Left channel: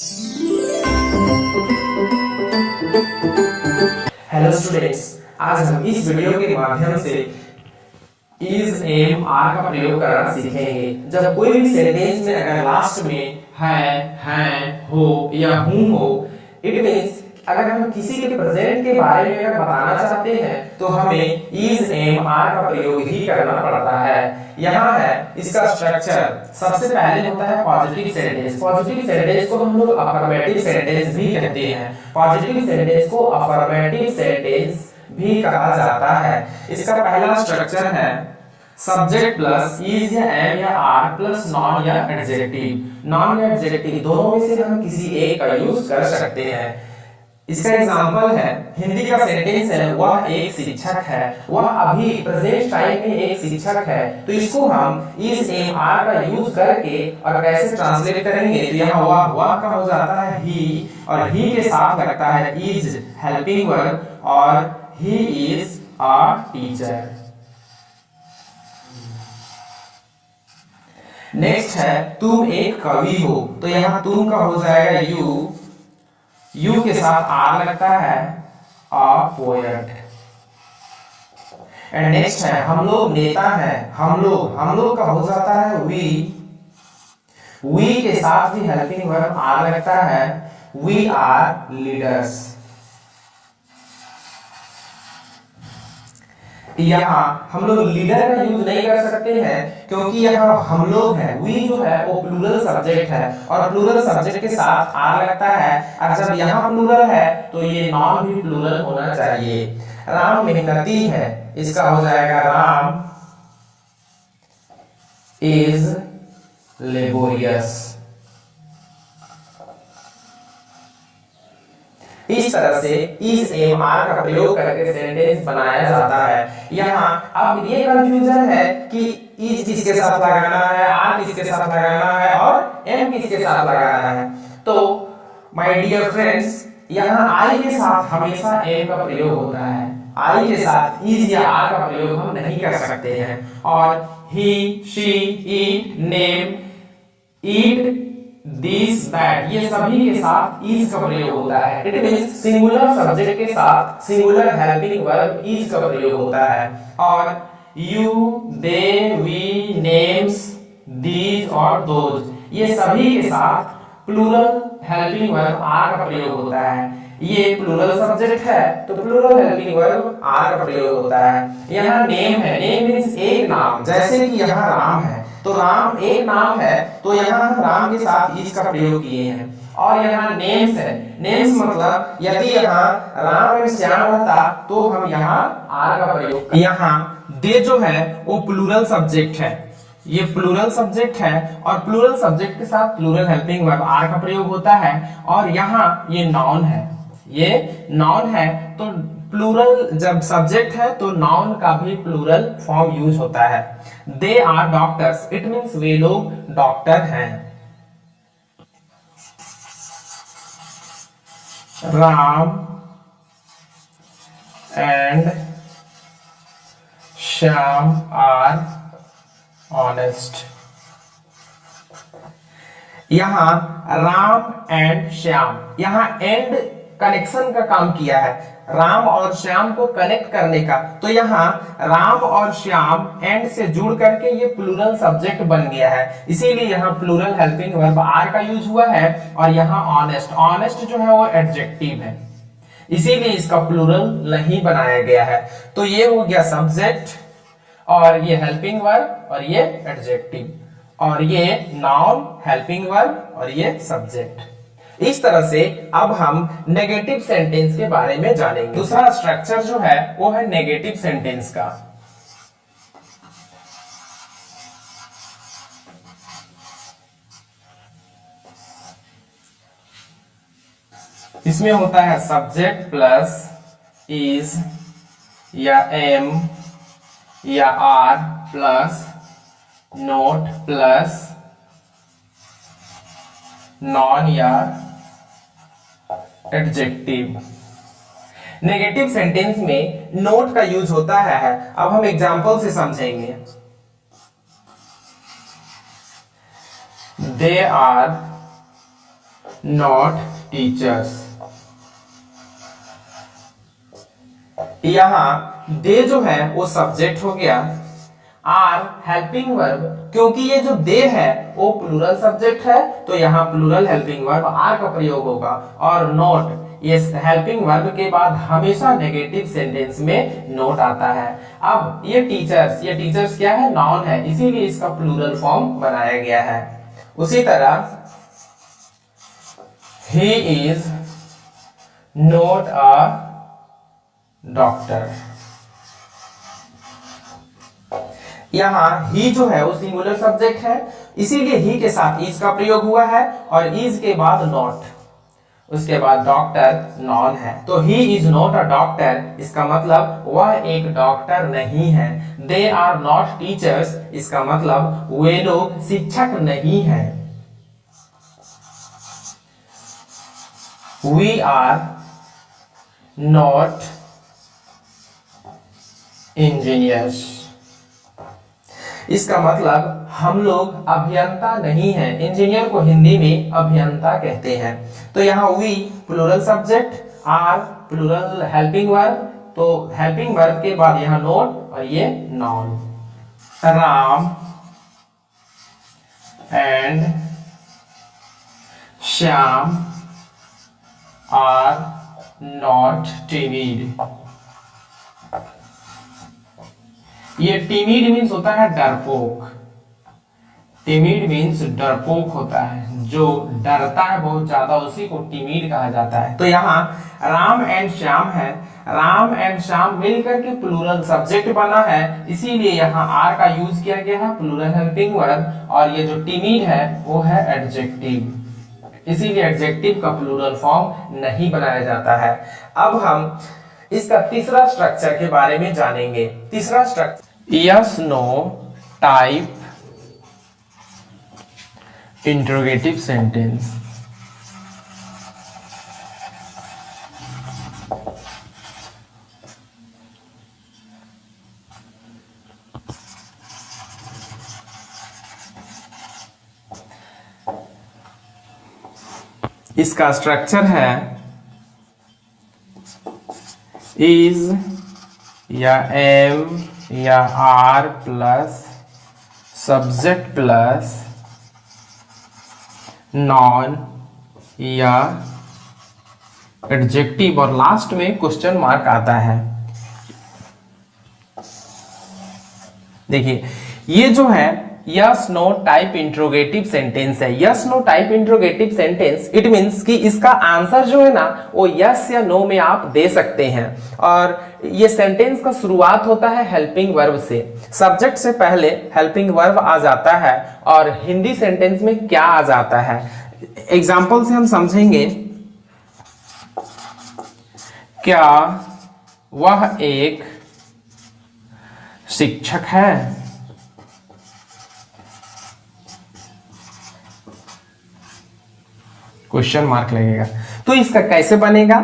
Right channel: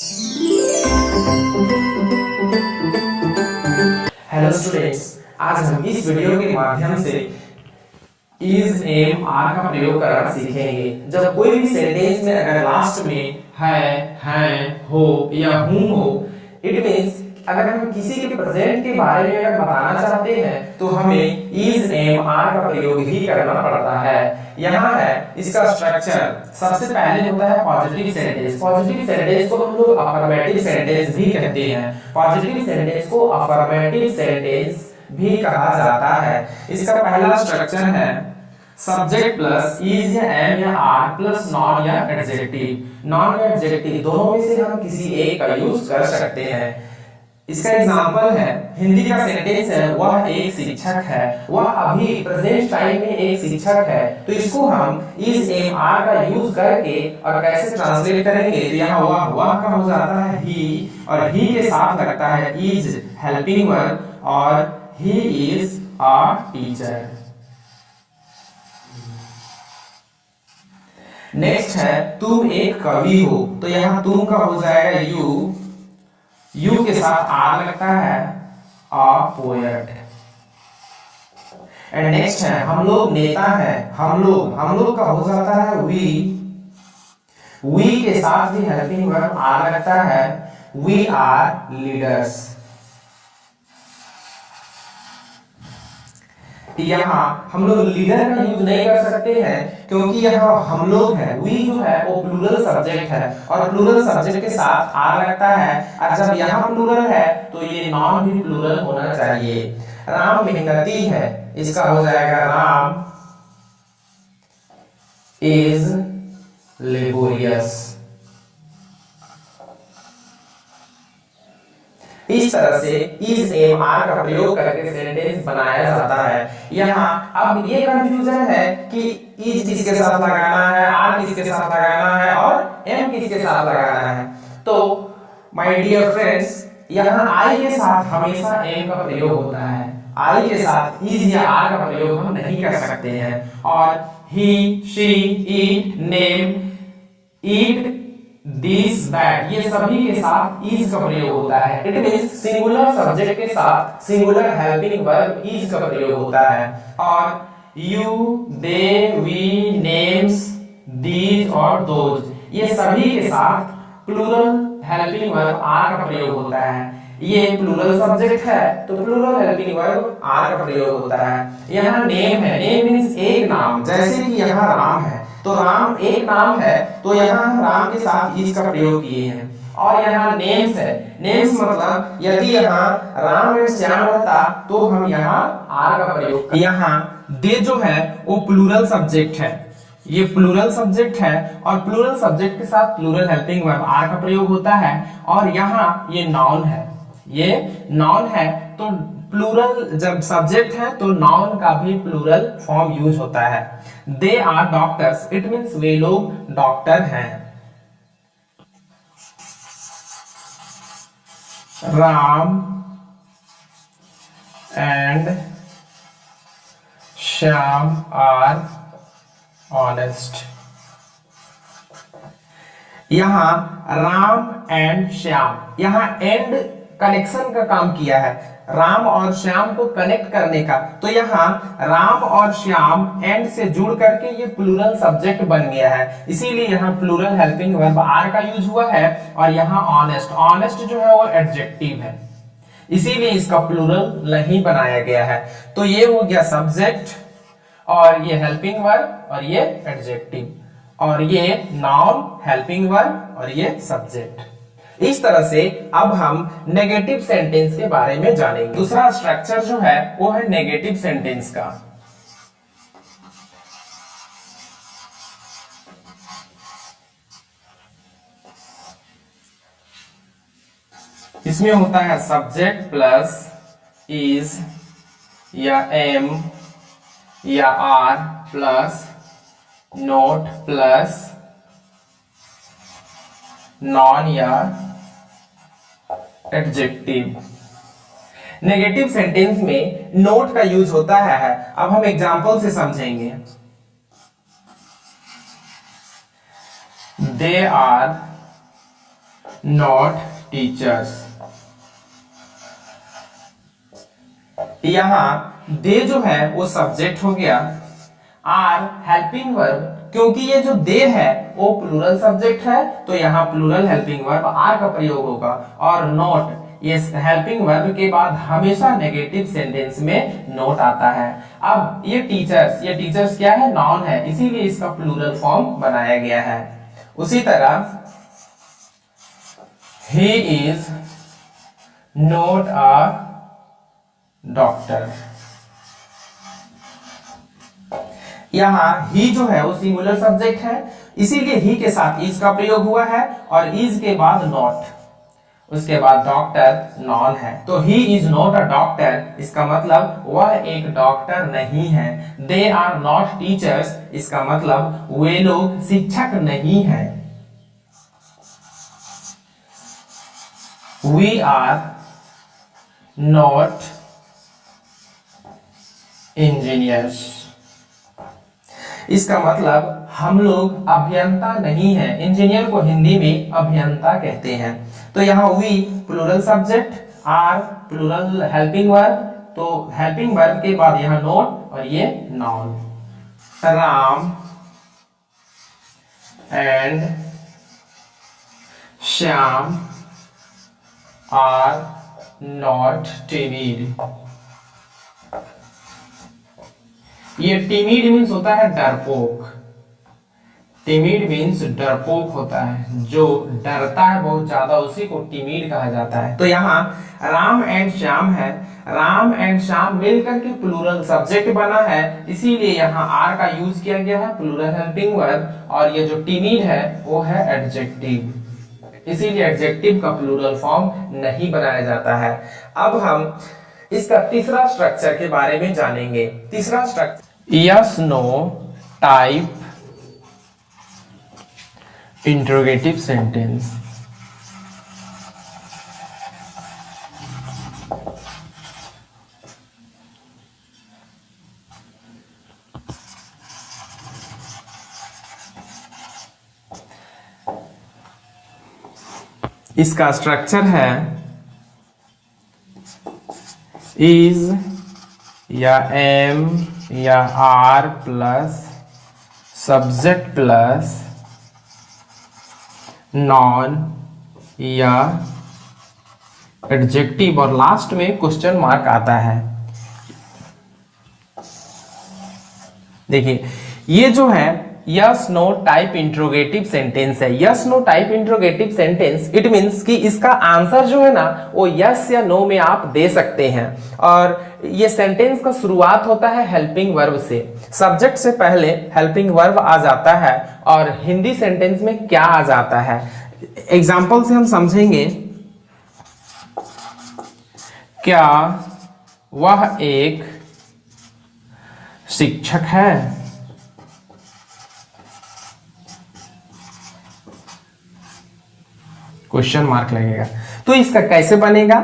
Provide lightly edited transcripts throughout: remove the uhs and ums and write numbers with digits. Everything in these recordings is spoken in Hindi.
हेलो स्टूडेंट्स, आज हम इस वीडियो के माध्यम से इज एम आर का प्रयोग करना सीखेंगे। जब कोई भी सेंटेंस में अगर लास्ट में है, हो या हूं हो, इट मींस अगर हम किसी के प्रेजेंट के बारे में अगर बताना चाहते हैं तो हमें इज एम आर का प्रयोग ही करना पड़ता है। यहाँ है इसका स्ट्रक्चर। सबसे पहले होता है पॉजिटिव सेंटेंस। पॉजिटिव सेंटेंस को हम लोग अफर्मेटिव सेंटेंस भी कहते हैं। पॉजिटिव सेंटेंस को अफर्मेटिव सेंटेंस भी कहा जाता है। इसका पहला स्ट्रक्चर है सब्जेक्ट प्लस इज या एम या आर प्लस नॉन या एडजेक्टिव। नॉन या एडजेक्टिव दोनों में से हम किसी एक का यूज कर सकते हैं। इसका एग्जांपल है, हिंदी का सेंटेंस है वह एक शिक्षक है। वह अभी प्रेजेंट टाइम में एक शिक्षक है, तो इसको हम इज एम आर का यूज करके और कैसे ट्रांसलेट करेंगे तो यहाँ वह का हो जाता है ही, और ही के साथ लगता है इज हेल्पिंग वर्ब और he is a teacher. Next है तुम एक कवि हो, तो यहाँ तुम का हो जाएगा यू के साथ आर लगता है अ पोएट। एंड नेक्स्ट है हम लोग नेता है। हम लोग का हो जाता है वी के साथ भी हेल्पिंग वर्ब आर लगता है वी आर लीडर्स। यहाँ हम लोग लीडर का यूज नहीं कर सकते हैं क्योंकि यहाँ हम लोग है, वी जो है वो प्लूरल सब्जेक्ट है और प्लूरल सब्जेक्ट के साथ आर लगता है, और जब यहाँ प्लूरल है तो ये नॉन भी प्लूरल होना चाहिए। राम मेहनती है, इसका हो जाएगा राम इज लेबोरियस। इस तरह से इज एम आर का प्रयोग करके सेंटेंस बनाया जाता है। यहाँ अब ये कंफ्यूजन है कि इज किसके साथ लगाना है, आर किसके साथ लगाना है और एम किसके साथ लगाना है। तो माय डियर फ्रेंड्स, यहाँ आई के साथ हमेशा एम का प्रयोग होता है। आई के साथ इज या आर का प्रयोग हम नहीं कर सकते हैं। और he, she, it, name, eat, this, that, ये सभी के साथ इज का प्रयोग होता है। इट मींस सिंगुलर सब्जेक्ट के साथ सिंगुलर हेल्पिंग वर्ब इज का प्रयोग होता है। और you, they, we, names, these और दोज, ये सभी के साथ प्लूरल हेल्पिंग वर्ब आर का प्रयोग होता है। ये प्लूरल सब्जेक्ट है तो प्लूरल हेल्पिंग वर्ब आर का प्रयोग होता है। यहाँ नेम है, नेम मींस एक नाम, जैसे कि यहाँ राम है तो राम एक नाम है तो यहाँ हम राम के साथ इज का प्रयोग किए हैं। और यहाँ नेम्स है, नेम्स मतलब यदि यहाँ राम एंड श्याम रहता तो हम यहाँ आर का प्रयोग। यहाँ दे जो है वो प्लूरल सब्जेक्ट है, ये प्लूरल सब्जेक्ट है और प्लूरल सब्जेक्ट के साथ प्लूरल हेल्पिंग वर्ब आर का प्रयोग होता है। और यहाँ ये नाउन है, ये नाउन है तो प्लूरल जब सब्जेक्ट है तो नाउन का भी प्लूरल फॉर्म यूज होता है। They are doctors, it means वे लोग डॉक्टर हैं। Ram and Shyam are honest. यहां राम एंड श्याम, यहां एंड कनेक्शन का काम किया है, राम और श्याम को कनेक्ट करने का। तो यहाँ राम और श्याम एंड से जुड़ करके ये प्लूरल सब्जेक्ट बन गया है, इसीलिए यहाँ प्लूरल हेल्पिंग वर्ब आर का यूज हुआ है। और यहाँ ऑनेस्ट, ऑनेस्ट जो है वो एडजेक्टिव है, इसीलिए इसका प्लूरल नहीं बनाया गया है। तो ये हो गया सब्जेक्ट और ये हेल्पिंग वर्ब और ये एडजेक्टिव और ये नाउन हेल्पिंग वर्ब और ये सब्जेक्ट। इस तरह से अब हम नेगेटिव सेंटेंस के बारे में जानेंगे। दूसरा स्ट्रक्चर जो है वो है नेगेटिव सेंटेंस का। इसमें होता है सब्जेक्ट प्लस इज या एम या are plus not plus noun या एडजेक्टिव। नेगेटिव सेंटेंस में नोट का यूज होता है। अब हम एग्जांपल से समझेंगे। They are not teachers. यहां दे जो है वो सब्जेक्ट हो गया, आर हेल्पिंग वर्ब, क्योंकि ये जो दे है वो प्लूरल सब्जेक्ट है तो यहाँ प्लूरल हेल्पिंग वर्ब आर का प्रयोग होगा। और नॉट, ये हेल्पिंग वर्ब के बाद हमेशा नेगेटिव सेंटेंस में नोट आता है। अब ये टीचर्स क्या है, नाउन है, इसीलिए इसका प्लूरल फॉर्म बनाया गया है। उसी तरह he is not a doctor, यहां ही जो है वो सिंगुलर सब्जेक्ट है, इसीलिए ही के साथ इज का प्रयोग हुआ है और इज के बाद नॉट, उसके बाद डॉक्टर नॉन है, तो he is not a doctor, इसका मतलब वह एक डॉक्टर नहीं है। दे आर नॉट टीचर्स, इसका मतलब वे लोग शिक्षक नहीं है। वी आर नॉट इंजीनियर्स, इसका मतलब हम लोग अभियंता नहीं है। इंजीनियर को हिंदी में अभियंता कहते हैं। तो यहाँ we plural subject, are plural helping verb, तो हेल्पिंग वर्ब के बाद यहाँ नोट और ये noun. Ram and Shyam are not timid, ये टिमिड मीन्स होता है डरपोक, टिमिड मीन्स डरपोक होता है, जो डरता है बहुत ज्यादा उसी को टिमिड कहा जाता है। तो यहाँ राम एंड श्याम है, राम एंड श्याम मिलकर के प्लूरल सब्जेक्ट बना है, इसीलिए यहाँ आर का यूज किया गया है प्लूरल हेल्पिंग वर्ब, और ये जो टिमिड है वो है एडजेक्टिव, इसीलिए एडजेक्टिव का प्लूरल फॉर्म नहीं बनाया जाता है। अब हम इसका तीसरा स्ट्रक्चर के बारे में जानेंगे। तीसरा structure yes no type interrogative sentence. इसका स्ट्रक्चर है इज या एम या are plus subject plus noun या एडजेक्टिव और लास्ट में क्वेश्चन मार्क आता है। देखिए ये जो है yes no type interrogative sentence है। Yes no type interrogative sentence it means कि इसका आंसर जो है ना वो यस या नो में आप दे सकते हैं, और ये सेंटेंस का शुरुआत होता है हेल्पिंग वर्ब से। सब्जेक्ट से पहले हेल्पिंग वर्ब आ जाता है और हिंदी सेंटेंस में क्या आ जाता है, एग्जाम्पल से हम समझेंगे। क्या वह एक शिक्षक है? क्वेश्चन मार्क लगेगा। तो इसका कैसे बनेगा,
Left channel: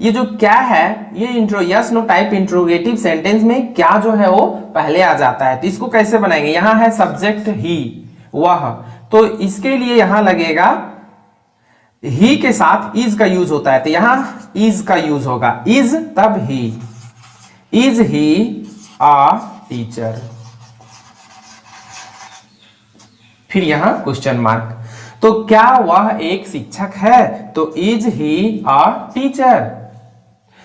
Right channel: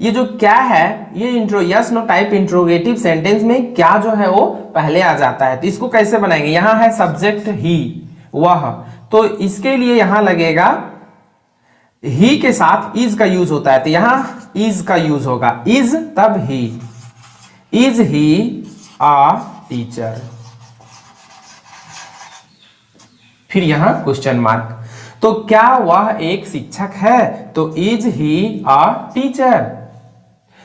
ये जो क्या है ये yes no type interrogative sentence में क्या जो है वो पहले आ जाता है। तो इसको कैसे बनाएंगे, यहां है सब्जेक्ट ही वह, तो इसके लिए यहां लगेगा ही के साथ इज का यूज होता है, तो यहां इज का यूज होगा, इज तब ही, इज ही अ टीचर, फिर यहां क्वेश्चन मार्क। तो क्या वह एक शिक्षक है, तो इज ही अ टीचर।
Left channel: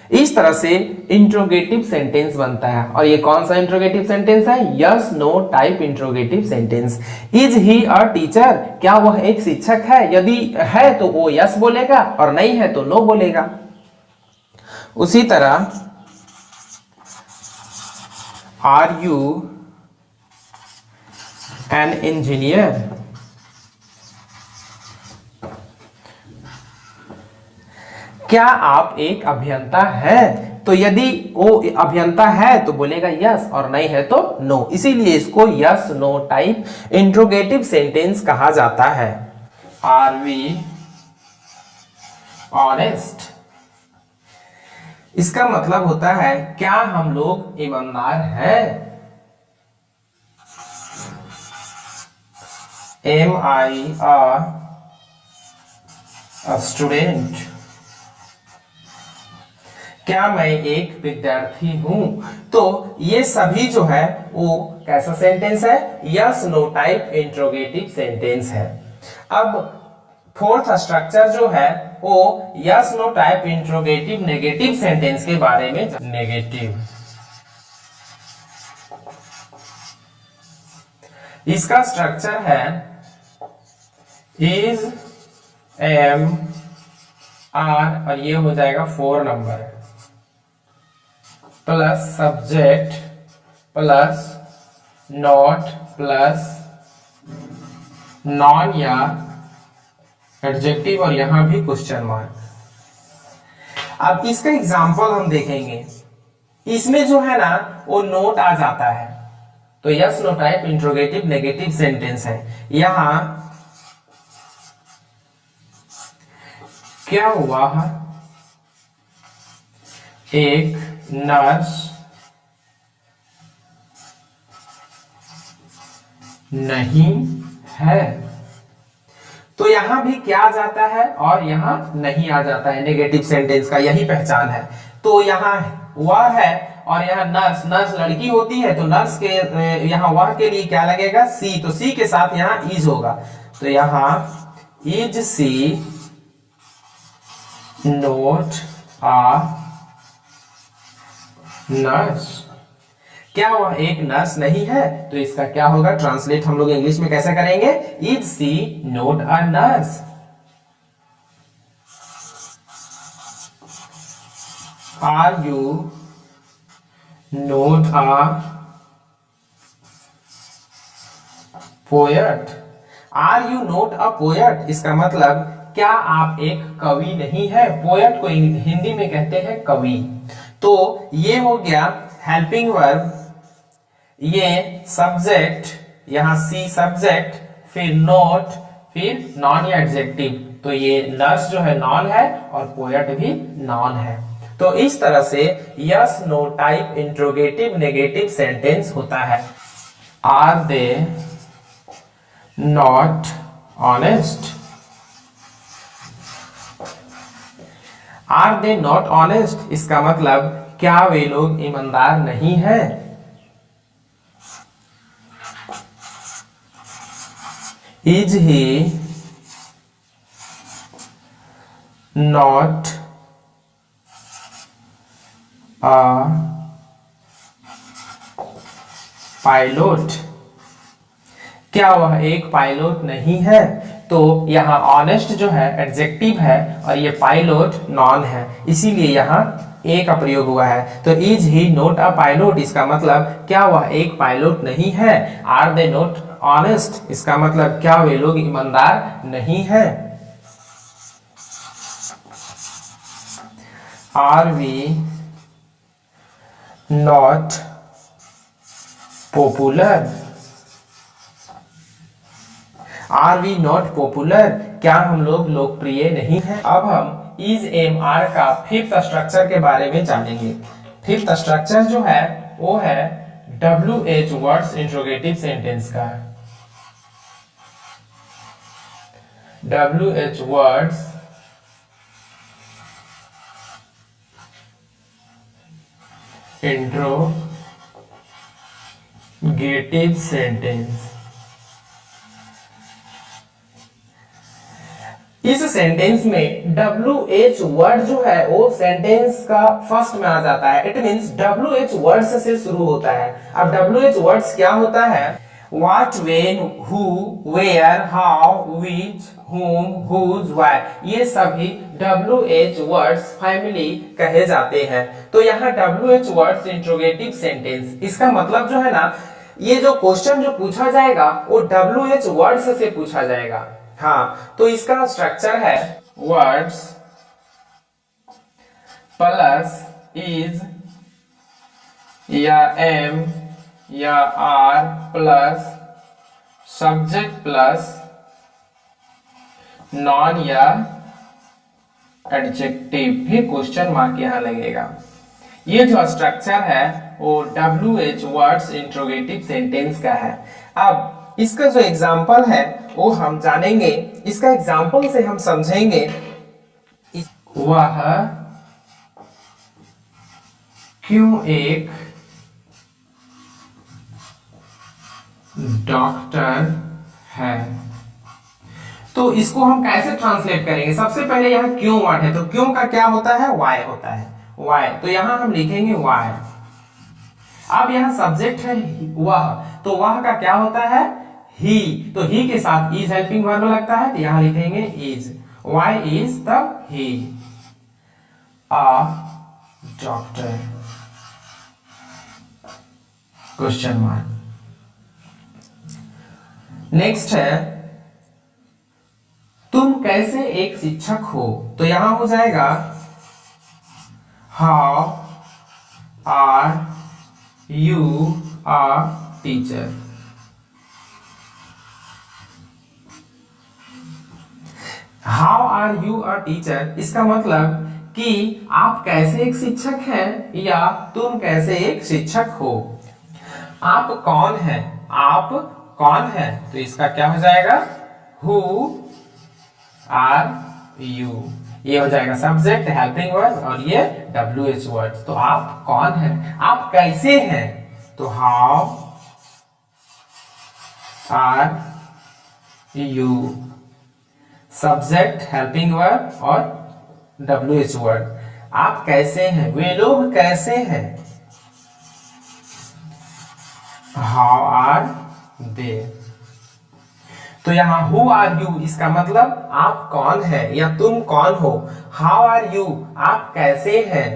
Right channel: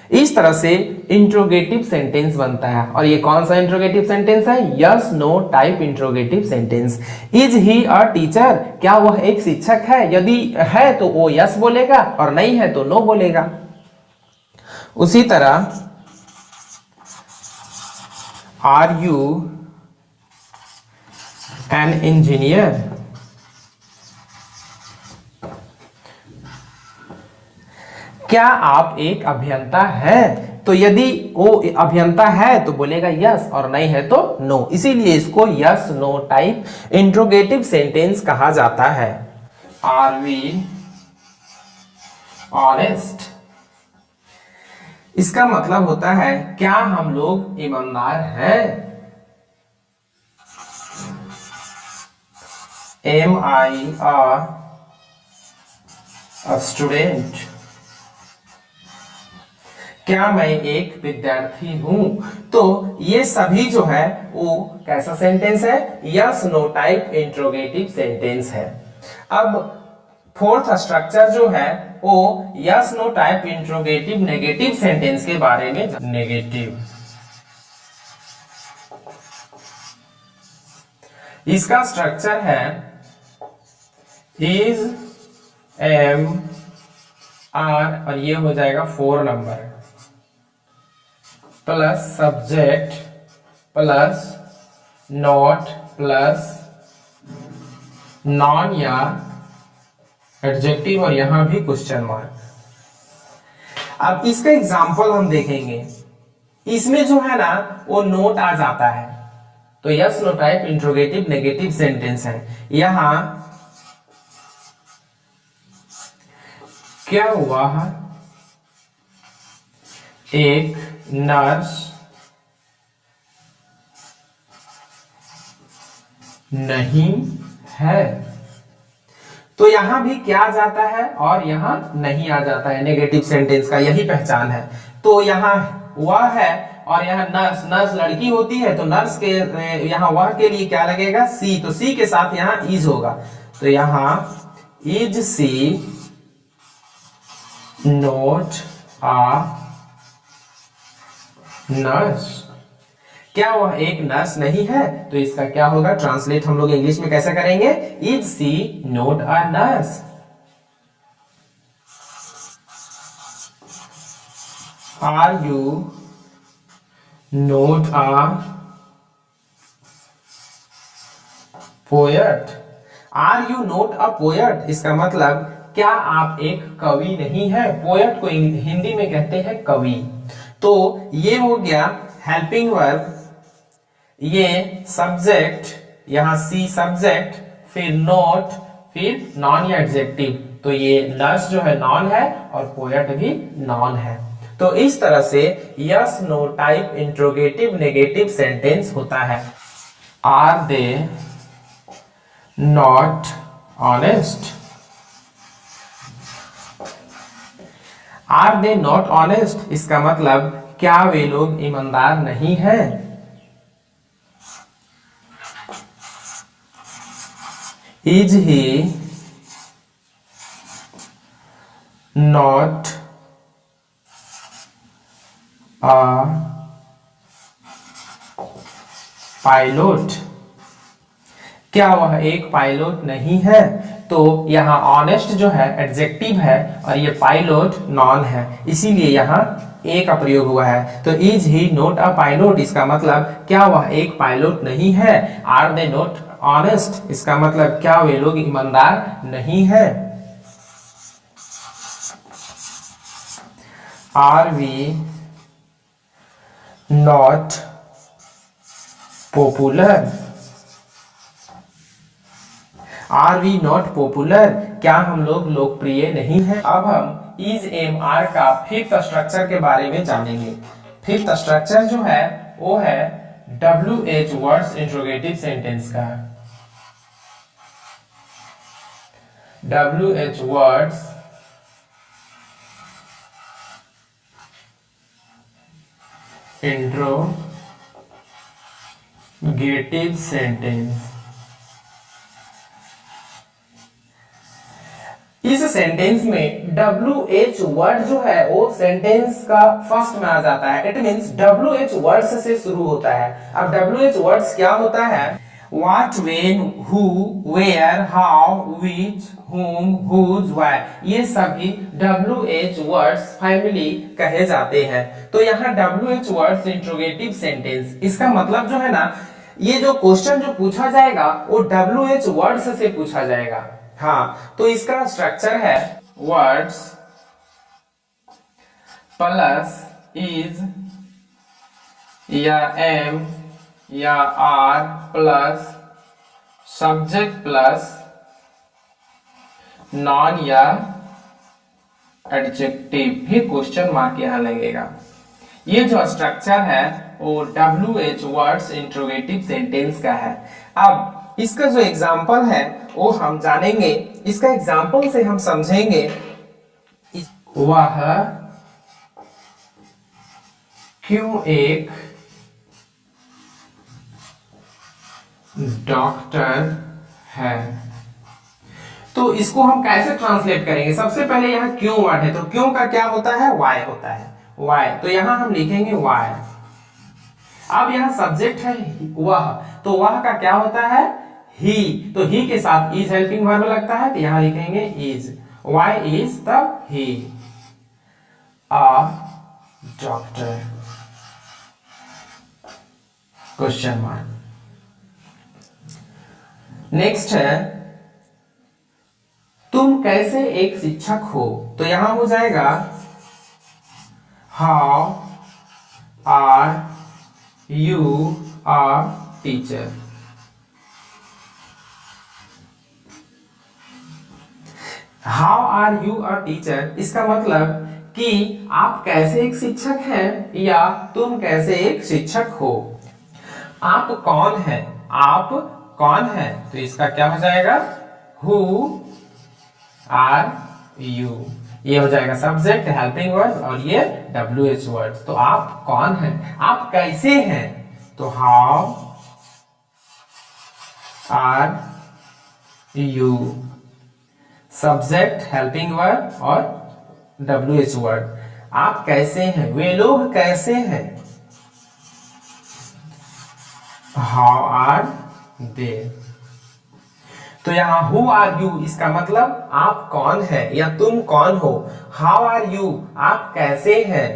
इस तरह से इंट्रोगेटिव सेंटेंस बनता है, और ये कौन सा इंट्रोगेटिव सेंटेंस है, yes no type interrogative sentence. Is he a teacher, क्या वह एक शिक्षक है, यदि है तो वो यस बोलेगा और नहीं है तो नो बोलेगा। उसी तरह आर यू एन इंजीनियर, क्या आप एक अभियंता है, तो यदि वो अभियंता है तो बोलेगा यस और नहीं है तो नो, इसीलिए इसको yes no type interrogative sentence कहा जाता है। आर वी ऑनेस्ट, इसका मतलब होता है क्या हम लोग ईमानदार हैं। MIR अ स्टूडेंट, क्या मैं एक विद्यार्थी हूं। तो ये सभी जो है वो कैसा सेंटेंस है, yes no type interrogative sentence है। अब फोर्थ स्ट्रक्चर जो है वो yes no type interrogative negative sentence के बारे में। नेगेटिव, इसका स्ट्रक्चर है इज, एम, आर और ये हो जाएगा 4 number plus subject plus not plus noun या एडजेक्टिव और यहां भी क्वेश्चन मार्क। अब इसका एग्जांपल हम देखेंगे, इसमें जो है ना वो नोट आ जाता है, तो yes no type interrogative negative sentence है। यहां क्या हुआ है, एक नर्स नहीं है, तो यहां भी क्या आ जाता है और यहां नहीं आ जाता है। नेगेटिव सेंटेंस का यही पहचान है। तो यहां वह है और यहां नर्स, नर्स लड़की होती है तो नर्स के यहां वह के लिए क्या लगेगा, सी, तो सी के साथ यहां इज होगा, तो यहां is she not a nurse, क्या वह एक नर्स नहीं है। तो इसका क्या होगा, ट्रांसलेट हम लोग इंग्लिश में कैसे करेंगे, is she not a nurse. Are you not a poet, are you not a poet, इसका मतलब क्या आप एक कवि नहीं है। पोएट को हिंदी में कहते हैं कवि। तो ये हो गया हेल्पिंग वर्ब, ये सब्जेक्ट, यहां सी सब्जेक्ट, फिर नोट, फिर नॉन या एडजेक्टिव, तो ये नर्स जो है नॉन है और पोएट भी नॉन है। तो इस तरह से yes no type interrogative negative sentence होता है। Are they not honest, are they not honest, इसका मतलब क्या वे लोग ईमानदार नहीं हैं। Is he not a pilot, क्या वह एक पायलट नहीं है। तो यहाँ ऑनेस्ट जो है एडजेक्टिव है और ये पायलट नॉन है, इसीलिए यहाँ ए का प्रयोग हुआ है। तो is he note a pilot, इसका मतलब क्या वह एक पायलट नहीं है। आर दे नोट ऑनेस्ट, इसका मतलब क्या वे लोग ईमानदार नहीं है। Are we not popular, are we not popular, क्या हम लोग लोकप्रिय नहीं हैं। अब हम इज एम आर का फिफ्थ स्ट्रक्चर के बारे में जानेंगे। फिफ्थ स्ट्रक्चर जो है वो है WH वर्ड्स इंट्रोगेटिव सेंटेंस का। WH वर्ड्स इंट्रोगेटिव सेंटेंस, इस सेंटेंस में WH वर्ड जो है वो सेंटेंस का फर्स्ट में आ जाता है। इट मींस WH वर्ड्स से शुरू होता है। अब WH वर्ड्स क्या होता है, what, when, who, where, how, which, whom, whose, why, ये सभी WH वर्ड्स फैमिली कहे जाते हैं। तो यहाँ WH वर्ड्स इंट्रोगेटिव सेंटेंस, इसका मतलब जो है ना, ये जो क्वेश्चन जो पूछा जाएगा वो WH वर्ड्स से पूछा जाएगा। हाँ, तो इसका स्ट्रक्चर है वर्ड्स प्लस इज या एम या are plus subject plus noun या एडजेक्टिव, फिर क्वेश्चन मार्क यहां लगेगा। ये जो स्ट्रक्चर है वो WH वर्ड्स इंट्रोगेटिव सेंटेंस का है। अब इसका जो एग्जाम्पल है वो हम जानेंगे। इसका एग्जाम्पल से हम समझेंगे वह क्यों एक डॉक्टर है। तो इसको हम कैसे ट्रांसलेट करेंगे? सबसे पहले यह क्यों वर्ड है, तो क्यों का क्या होता है? वाई होता है, वाई। तो यहां हम लिखेंगे वाई। अब यह सब्जेक्ट है वह, तो वह का क्या होता है? ही। तो ही के साथ इज हेल्पिंग वर्ब लगता है, तो यहां लिखेंगे इज। वाई इज तब he a doctor, question mark. Next है तुम कैसे एक शिक्षक हो, तो यहां हो जाएगा how are you a teacher. How are you a teacher, इसका मतलब कि आप कैसे एक शिक्षक हैं या तुम कैसे एक शिक्षक हो। आप कौन हैं, आप कौन हैं, तो इसका क्या हो जाएगा? Who are you. ये हो जाएगा सब्जेक्ट हेल्पिंग वर्ब और ये WH वर्ड। तो आप कौन हैं, आप कैसे हैं, तो how are you, subject helping verb और WH वर्ड। आप कैसे हैं, वे लोग कैसे हैं, हाउ आर दे। तो यहां हु आर यू, इसका मतलब आप कौन है या तुम कौन हो। हाउ आर यू, आप कैसे हैं।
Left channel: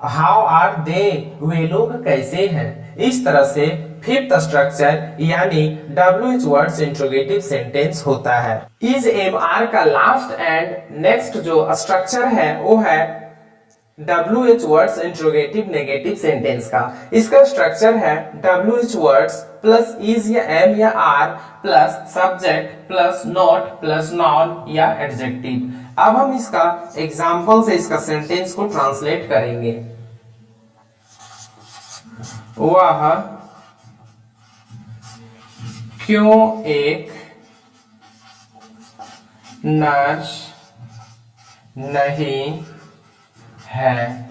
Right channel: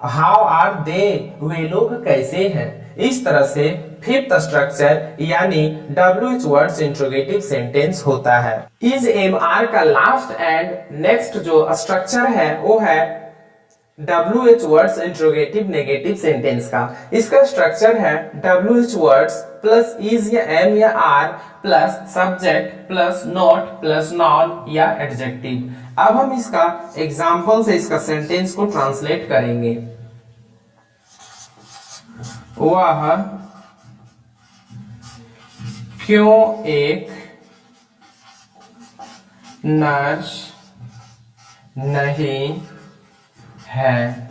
हाउ आर दे, वे लोग कैसे हैं। इस तरह से फिफ्थ स्ट्रक्चर यानी WH वर्ड्स इंट्रोगेटिव सेंटेंस होता है। इज एम आर का लास्ट एंड नेक्स्ट जो स्ट्रक्चर है वो है WH words interrogative negative sentence का। इसका स्ट्रक्चर है WH वर्ड्स प्लस इज या एम या are plus subject plus not plus noun या एडजेक्टिव। अब हम इसका एग्जांपल से इसका सेंटेंस को ट्रांसलेट करेंगे। वह क्यों एक नर्स नहीं है।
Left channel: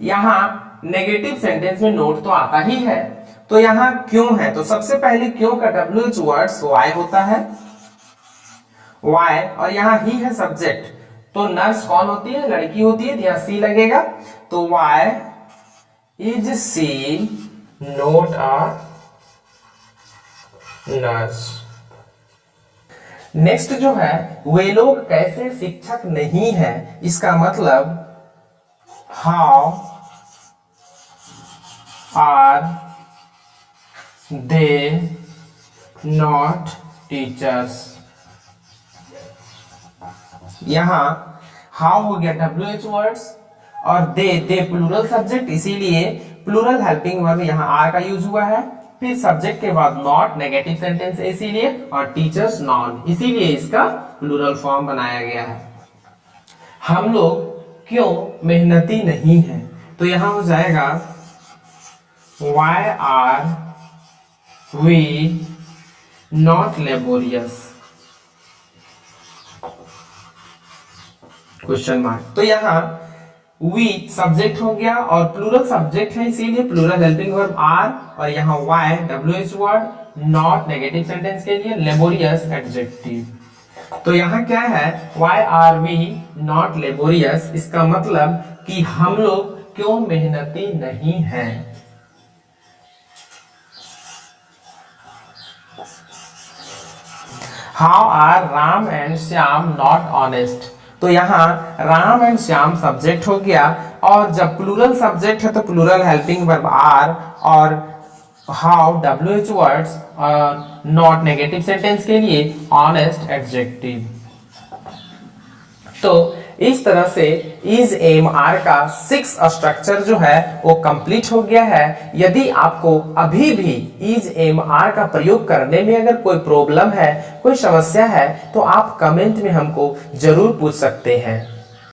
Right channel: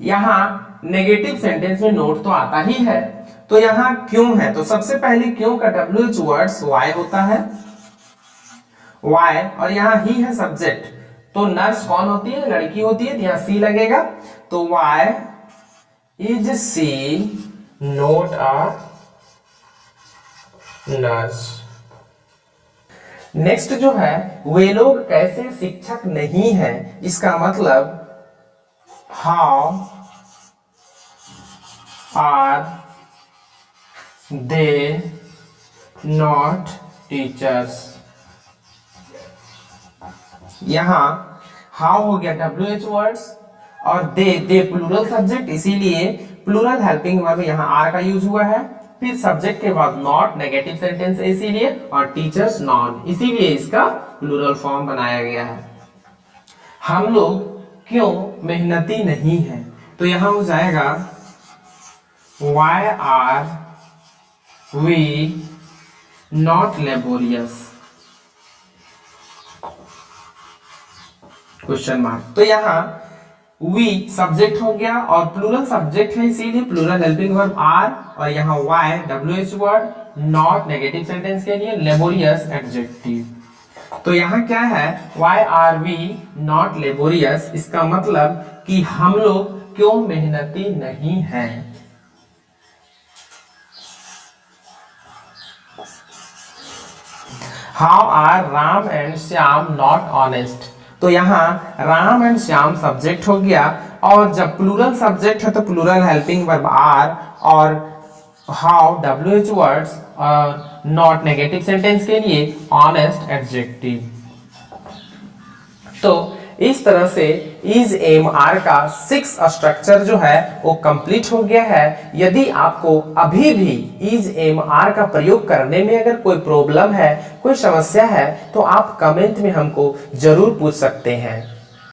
यहां नेगेटिव सेंटेंस में नोट तो आता ही है, तो यहां क्यों है, तो सबसे पहले क्यों का WH वर्ड्स वाई होता है, वाई, और यहां ही है सब्जेक्ट। तो नर्स कौन होती है, लड़की होती है, तो यहां सी लगेगा। तो why is she not a nurse. Next जो है वे लोग कैसे शिक्षक नहीं है, इसका मतलब how are they not teachers. यहां हाउ हो गया WH वर्ड्स और दे प्लूरल सब्जेक्ट, इसीलिए प्लूरल हेल्पिंग वर्ब यहां आर का यूज हुआ है। फिर सब्जेक्ट के बाद नॉट नेगेटिव सेंटेंस इसीलिए, और टीचर्स नॉन, इसीलिए इसका प्लूरल फॉर्म बनाया गया है। हम लोग क्यों मेहनती नहीं हैं, तो यहां हो जाएगा why are we not laborious, question mark. तो यहां वी सब्जेक्ट हो गया और प्लूरल सब्जेक्ट है, इसीलिए प्लूरल हेल्पिंग वर्ब आर, और यहां why WH word, not negative sentence के लिए, लेबोरियस एडजेक्टिव। तो यहां क्या है, why are we not laborious, इसका मतलब कि हम लोग क्यों मेहनती नहीं हैं। How are Ram and Shyam not honest, तो यहां राम एंड श्याम सब्जेक्ट हो गया, और जब प्लूरल सब्जेक्ट है तो प्लूरल हेल्पिंग वर्ब आर, और how WH words, not negative sentence के लिए, ऑनेस्ट एडजेक्टिव। तो इस तरह से इज एम आर का 6 स्ट्रक्चर जो है वो कंप्लीट हो गया है। यदि आपको अभी भी इज एम आर का प्रयोग करने में अगर कोई प्रॉब्लम है, कोई समस्या है, तो आप कमेंट में हमको जरूर पूछ सकते हैं।